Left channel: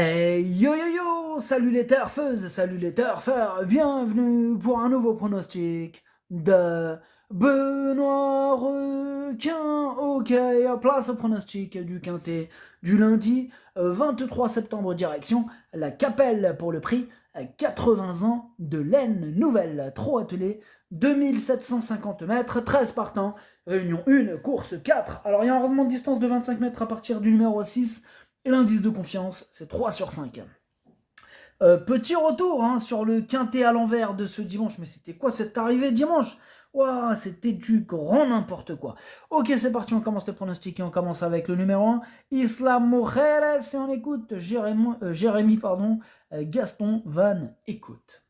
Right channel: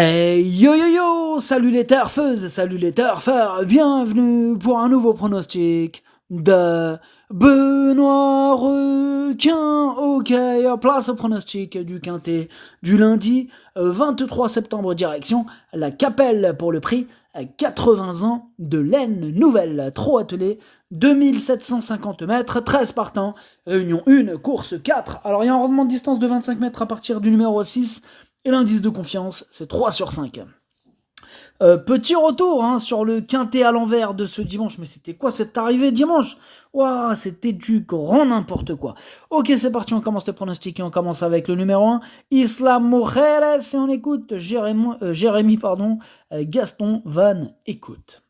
Hey yo yo yo, salut les turfeuses, salut les turfeurs, bienvenue pour un nouveau pronostic de Benoît Requin. Ok, place au pronostic du Quintet du lundi 23 septembre, direction la Capelle pour le prix 80 ans de laine nouvelle, trop attelé, 2750 mètres, 13 partants, réunion 1, course 4. Alors il y a un rendement de distance de 25 mètres à partir du numéro 6. Et l'indice de confiance, c'est 3 sur 5. Petit retour sur le quintet à l'envers de ce dimanche. Mais c'était quoi cette arrivée dimanche? Waouh, c'était du grand n'importe quoi. Ok, c'est parti, on commence les pronostics et on commence avec le numéro 1, Islam Mujeres, et on écoute Jérémy, Gaston Van Écoute.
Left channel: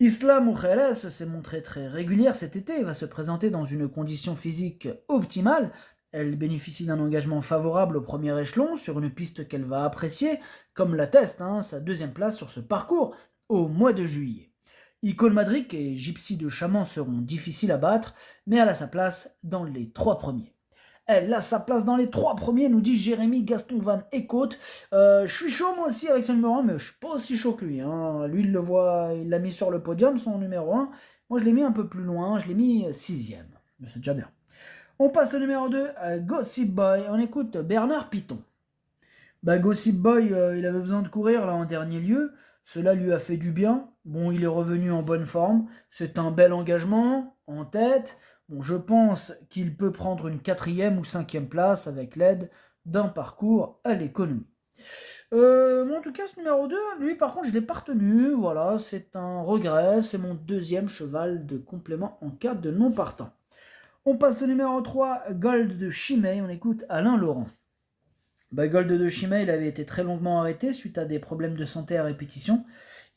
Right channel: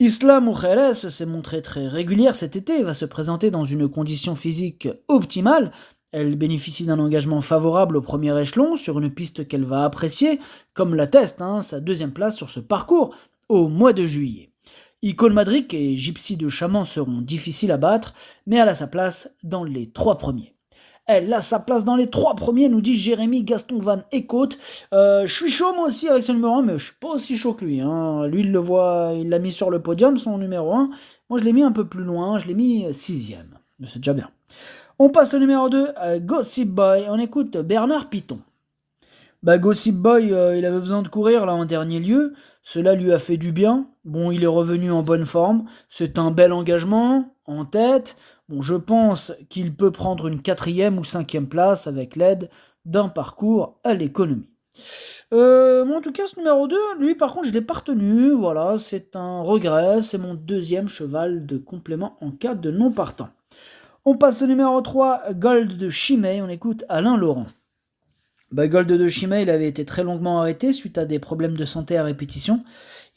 Isla Mujeres s'est montrée très régulière cet été et va se présenter dans une condition physique optimale. Elle bénéficie d'un engagement favorable au premier échelon sur une piste qu'elle va apprécier, comme l'atteste sa deuxième place sur ce parcours au mois de juillet. Icône Madric et Gypsy de Chaman seront difficiles à battre, mais elle a sa place dans les trois premiers. Elle a sa place dans les trois premiers, nous dit Jérémy Gaston Van Écoute. Je suis chaud moi aussi avec ce numéro 1, mais je suis pas aussi chaud que lui. Lui, il le voit, il l'a mis sur le podium, son numéro 1. Moi, je l'ai mis un peu plus loin, je l'ai mis sixième. Mais c'est déjà bien. On passe au numéro 2, Gossip Boy. On écoute Bernard Piton. Gossip Boy, il avait besoin de courir là en dernier lieu. Cela lui a fait du bien. Bon, il est revenu en bonne forme. C'est un bel engagement en tête. Bon, je pense qu'il peut prendre une quatrième ou cinquième place avec l'aide d'un parcours à l'économie. En tout cas, ce numéro 2, lui par contre, je ne l'ai pas retenu. Voilà, c'est un regret. C'est mon deuxième cheval de complément en cas de non partant. On passe au numéro 3, Gold de Chimay. On écoute Alain Laurent. Gold de Chimay, il avait été très longuement arrêté suite à des problèmes de santé à répétition.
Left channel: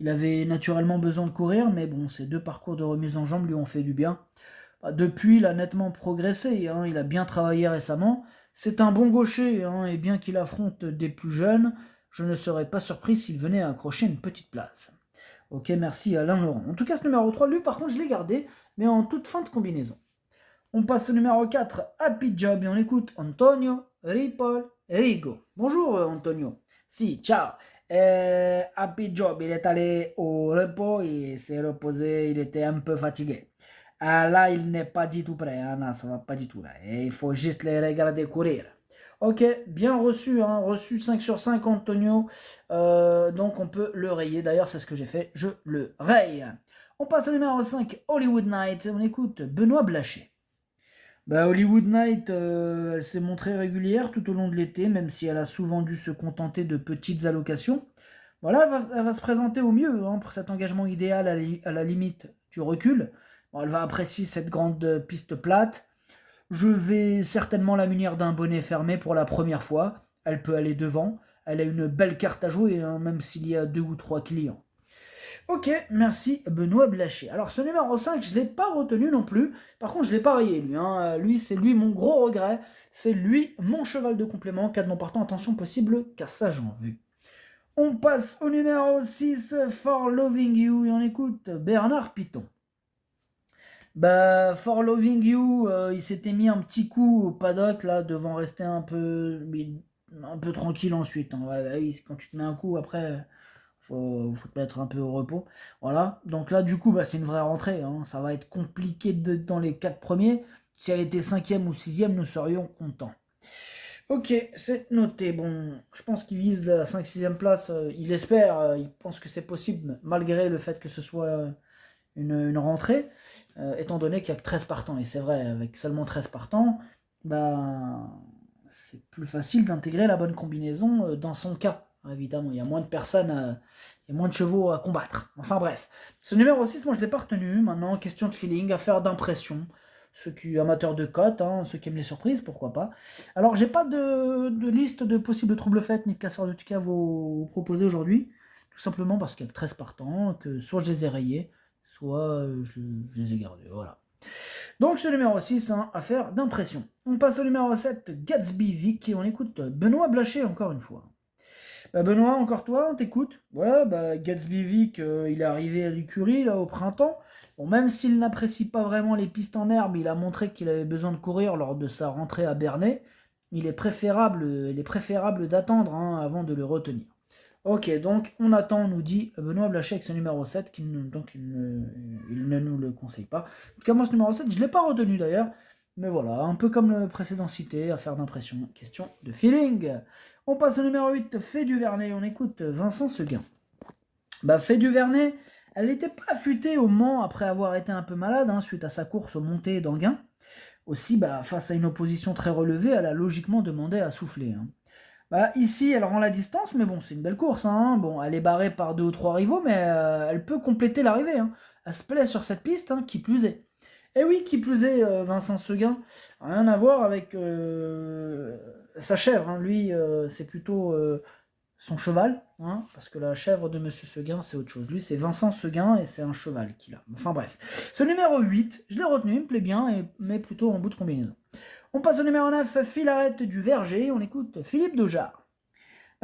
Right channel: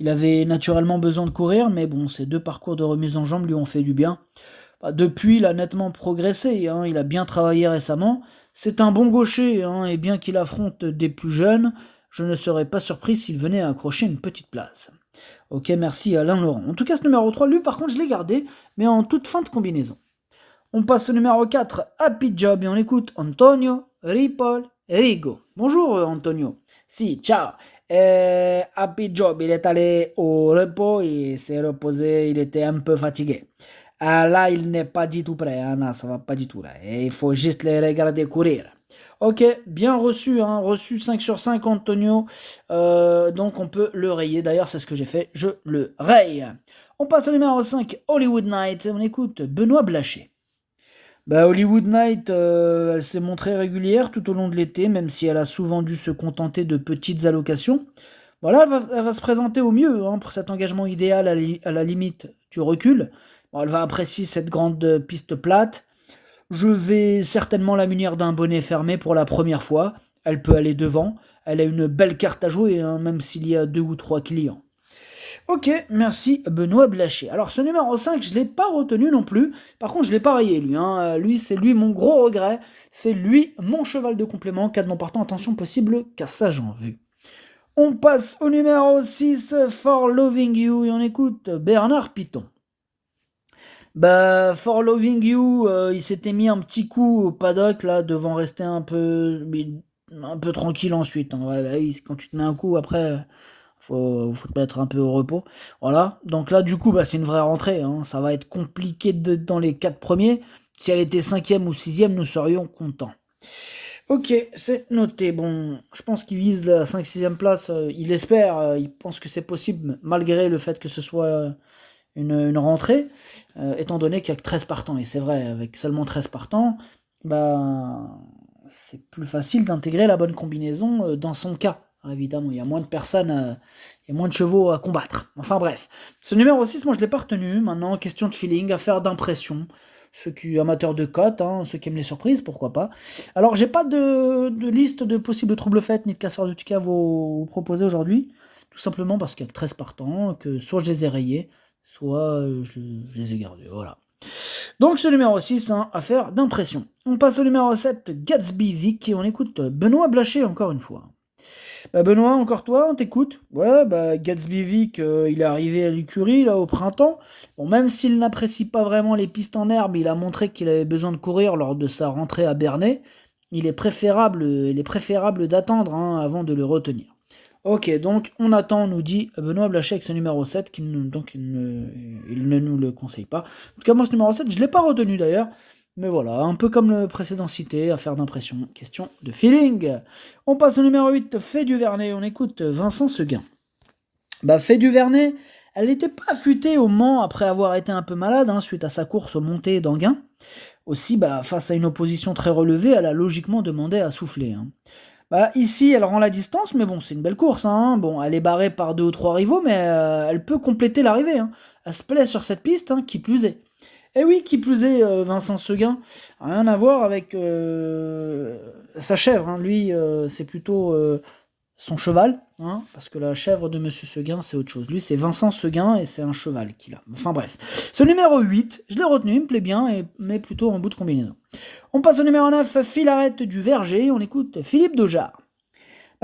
Il avait naturellement besoin de courir, mais bon, ces deux parcours de remise en jambe lui ont fait du bien. Depuis, il a nettement progressé, il a bien travaillé récemment. C'est un bon gaucher, et bien qu'il affronte des plus jeunes, je ne serais pas surpris s'il venait à accrocher une petite place. Ok, merci Alain Laurent. En tout cas, ce numéro 3, lui par contre, je l'ai gardé, mais en toute fin de combinaison. On passe au numéro 4, Happy Job, et on écoute Antonio Ripoll Rigo. Bonjour Antonio. Si, ciao. Happy Job, il est allé au repos, il s'est reposé, il était un peu fatigué. Là, il n'est pas du tout prêt, non, ça va pas du tout là. Et il faut juste les regarder courir. Ok, bien reçu, reçu 5 sur 5 Antonio. Donc on peut le rayer, d'ailleurs c'est ce que j'ai fait, je le raye. On passe au numéro 5, Hollywood Night, on écoute Benoît Blaché. Hollywood Night, elle s'est montrée régulière tout au long de l'été, même si elle a souvent dû se contenter de petites allocations. Voilà, elle va se présenter au mieux pour cet engagement idéal à la limite du recul. Bon, elle va apprécier cette grande piste plate. Je vais certainement la munir d'un bonnet fermé pour la première fois. Elle peut aller devant. Elle a une belle carte à jouer, même s'il y a deux ou trois clients. Ok, merci Benoît Blaché. Alors ce numéro 5, je ne l'ai pas retenu non plus. Par contre, je ne l'ai pas rayé lui. Lui, c'est lui mon gros regret. C'est lui mon cheval de complément. Cas de non partant, attention possible, cassage en vue. On passe au numéro 6, For Loving You, et on écoute Bernard Piton. For Loving You, il s'était mis un petit coup au paddock là, devant rester un peu tranquille ensuite. Ouais, quand tu te mets un coup, après, faut te mettre un peu au repos. Voilà. Donc là, du coup, c'est une vraie rentrée. Ça va être compliqué dans les 4 premiers. Si elle était cinquième ou sixième, nous serions contents. Ok, c'est noté. Bon, je pense qu'il vise la 5-6e place. Il espère, il pense que c'est possible, malgré le fait que ce soit une rentrée, étant donné qu'il n'y a que 13 partants. Et c'est vrai, avec seulement 13 partants, c'est plus facile d'intégrer la bonne combinaison dans son cas. Évidemment, il y a moins de personnes, il y a moins de chevaux à combattre. Enfin bref. Ce numéro 6, moi je ne l'ai pas retenu. Maintenant, question de feeling, affaire d'impression. Ceux qui amateurs de cotes, ceux qui aiment les surprises, pourquoi pas. Alors, j'ai pas de liste de possibles troubles faites ni de casseurs de tickets à vous proposer aujourd'hui. Tout simplement parce qu'il y a que 13 partants, que soit je les ai rayés, soit je les ai gardés. Voilà. Donc ce numéro 6, affaire d'impression. On passe au numéro 7, Gatsby Vic, et on écoute Benoît Blaché encore une fois. Benoît, encore toi, on t'écoute. Ouais, Gatsby Vic, il est arrivé à l'écurie là au printemps. Bon, même s'il n'apprécie pas vraiment les pistes en herbe, il a montré qu'il avait besoin de courir lors de sa rentrée à Bernay. Il est préférable d'attendre avant de le retenir. Ok, donc on attend, nous dit Benoît Blaché avec ce numéro 7, il ne nous le conseille pas. En tout cas, moi, ce numéro 7, je ne l'ai pas retenu d'ailleurs. Mais voilà, un peu comme le précédent cité, affaire d'impression, question de feeling. On passe au numéro 8, Fait du Vernet, on écoute Vincent Seguin. Fait du Vernet, elle n'était pas affûtée au Mans après avoir été un peu malade, suite à sa course aux montées d'Anguin. Aussi, face à une opposition très relevée, elle a logiquement demandé à souffler. Ici, elle rend la distance, mais bon, c'est une belle course. Bon, elle est barrée par 2 ou 3 rivaux, mais elle peut compléter l'arrivée. Elle se plaît sur cette piste, qui plus est. Et oui, qui plus est, Vincent Seguin, rien à voir avec sa chèvre. Lui, c'est plutôt son cheval, parce que la chèvre de Monsieur Seguin, c'est autre chose. Lui, c'est Vincent Seguin et c'est un cheval qu'il a. Enfin bref. Ce numéro 8, je l'ai retenu, il me plaît bien, mais plutôt en bout de combinaison. On passe au numéro 9, Filarette du Verger, on écoute Philippe Dojard.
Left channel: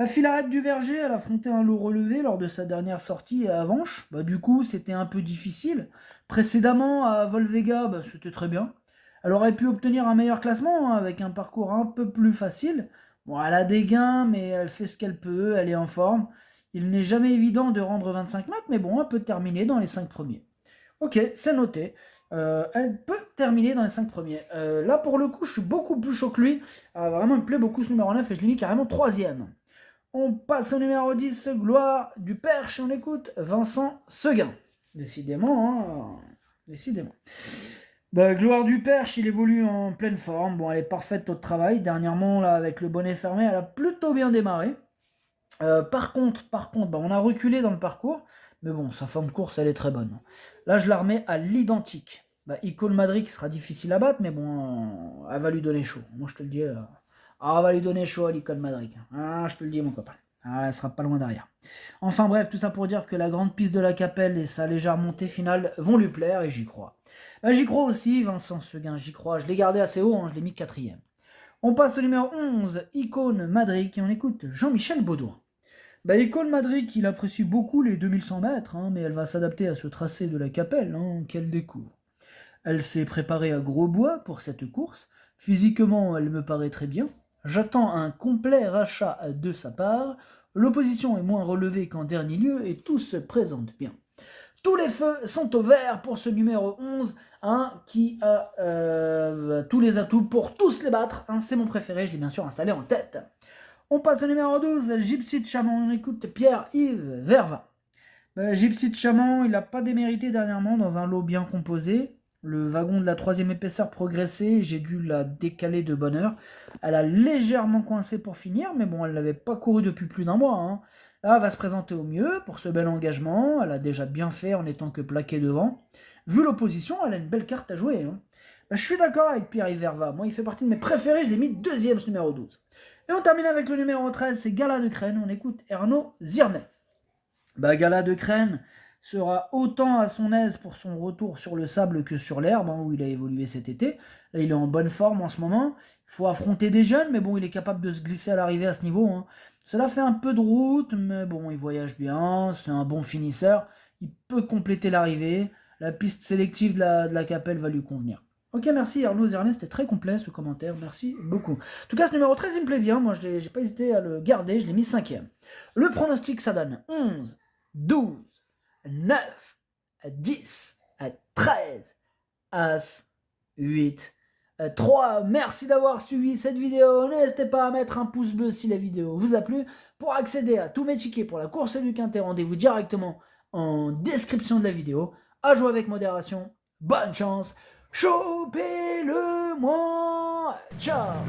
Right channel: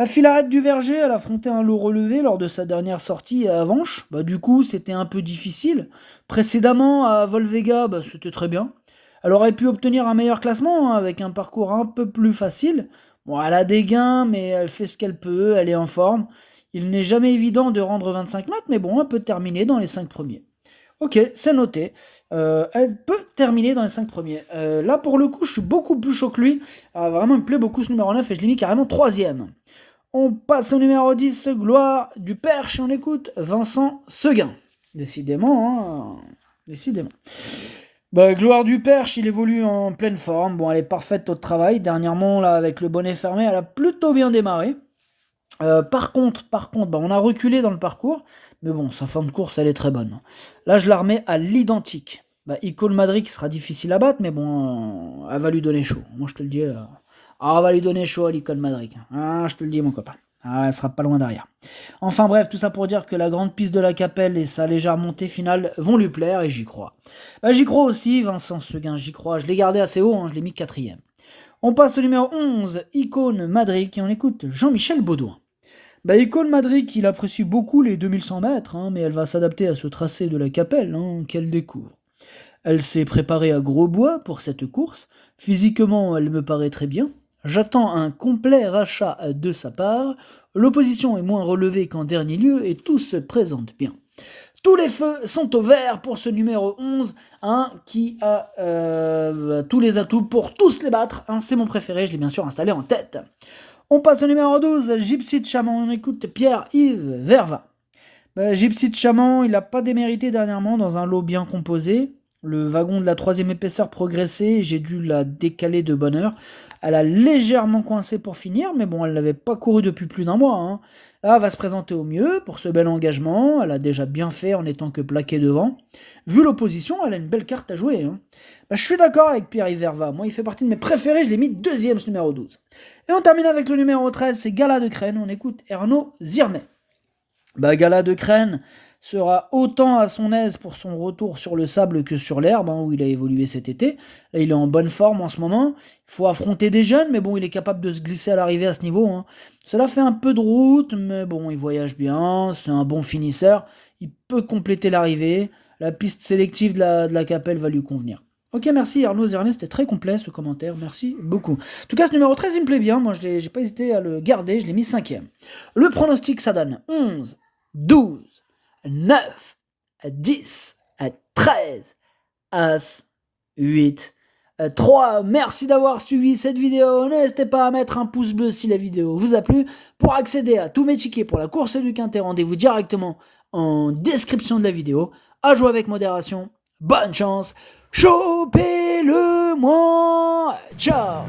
Filarette du Verger, elle affrontait un lot relevé lors de sa dernière sortie à Avanches. Du coup, c'était un peu difficile. Précédemment, à Volvega, c'était très bien. Elle aurait pu obtenir un meilleur classement, avec un parcours un peu plus facile. Bon, elle a des gains, mais elle fait ce qu'elle peut, elle est en forme. Il n'est jamais évident de rendre 25 mètres, mais bon, elle peut terminer dans les 5 premiers. Ok, c'est noté. Elle peut terminer dans les 5 premiers. Là, pour le coup, je suis beaucoup plus chaud que lui. Vraiment, il me plaît beaucoup ce numéro 9 et je l'ai mis carrément 3ème. On passe au numéro 10, Gloire du Perche, on écoute Vincent Seguin. Décidément, décidément. Gloire du Perche, il évolue en pleine forme. Bon, elle est parfaite au travail. Dernièrement, là, avec le bonnet fermé, elle a plutôt bien démarré. Par contre, on a reculé dans le parcours. Mais bon, sa fin de course, elle est très bonne. Là, je la remets à l'identique. Icône Madrid qui sera difficile à battre, mais bon, elle va lui donner chaud. Moi, je te le dis, elle va lui donner chaud à l'Icône Madrid. Je te le dis, mon copain. Elle sera pas loin derrière. Enfin bref, tout ça pour dire que la grande piste de la Capelle et sa légère montée finale vont lui plaire et j'y crois. J'y crois aussi, Vincent Seguin, j'y crois. Je l'ai gardé assez haut, je l'ai mis 4ème. On passe au numéro 11, Icône Madrid, et on écoute Jean-Michel Baudouin. Icône Madrid, il apprécie beaucoup les 2100 mètres, mais elle va s'adapter à ce tracé de la Capelle qu'elle découvre. Elle s'est préparée à gros bois pour cette course. Physiquement, elle me paraît très bien. J'attends un complet rachat de sa part. L'opposition est moins relevée qu'en dernier lieu et tout se présente bien. Tous les feux sont au vert pour ce numéro 11, qui a tous les atouts pour tous les battre. C'est mon préféré, je l'ai bien sûr installé en tête. On passe au numéro 12, Gypsy de Chaman. On écoute Pierre-Yves Verva. Gypsy de Chaman, il n'a pas démérité dernièrement dans un lot bien composé. Le wagon de la 3ème épaisseur progressait, j'ai dû la décaler de bonne heure. Elle a légèrement coincé pour finir, mais bon, elle n'avait pas couru depuis plus d'un mois. Là, elle va se présenter au mieux pour ce bel engagement. Elle a déjà bien fait en étant que plaquée devant. Vu l'opposition, elle a une belle carte à jouer. Je suis d'accord avec Pierre-Yves Verva. Moi, il fait partie de mes préférés. Je l'ai mis 2ème, ce numéro 12. Et on termine avec le numéro 13, c'est Gala de Crène. On écoute Ernaud Zirmet. Gala de Crène sera autant à son aise pour son retour sur le sable que sur l'herbe, où il a évolué cet été. Là, il est en bonne forme en ce moment. Il faut affronter des jeunes, mais bon, il est capable de se glisser à l'arrivée à ce niveau. Cela fait un peu de route, mais bon, il voyage bien, c'est un bon finisseur. Il peut compléter l'arrivée. La piste sélective de la Capelle va lui convenir. Ok, merci Arnaud Zernet, c'était très complet ce commentaire, merci beaucoup. En tout cas, ce numéro 13, il me plaît bien, moi j'ai pas hésité à le garder, je l'ai mis 5ème. Le pronostic, ça donne 11, 12, 9, 10, 13, As, 8, 3. Merci d'avoir suivi cette vidéo. N'hésitez pas à mettre un pouce bleu si la vidéo vous a plu. Pour accéder à tous mes tickets pour la course du Quintet, rendez-vous directement en description de la vidéo. À jouer avec modération. Bonne chance. Chopez-le moi. Ciao.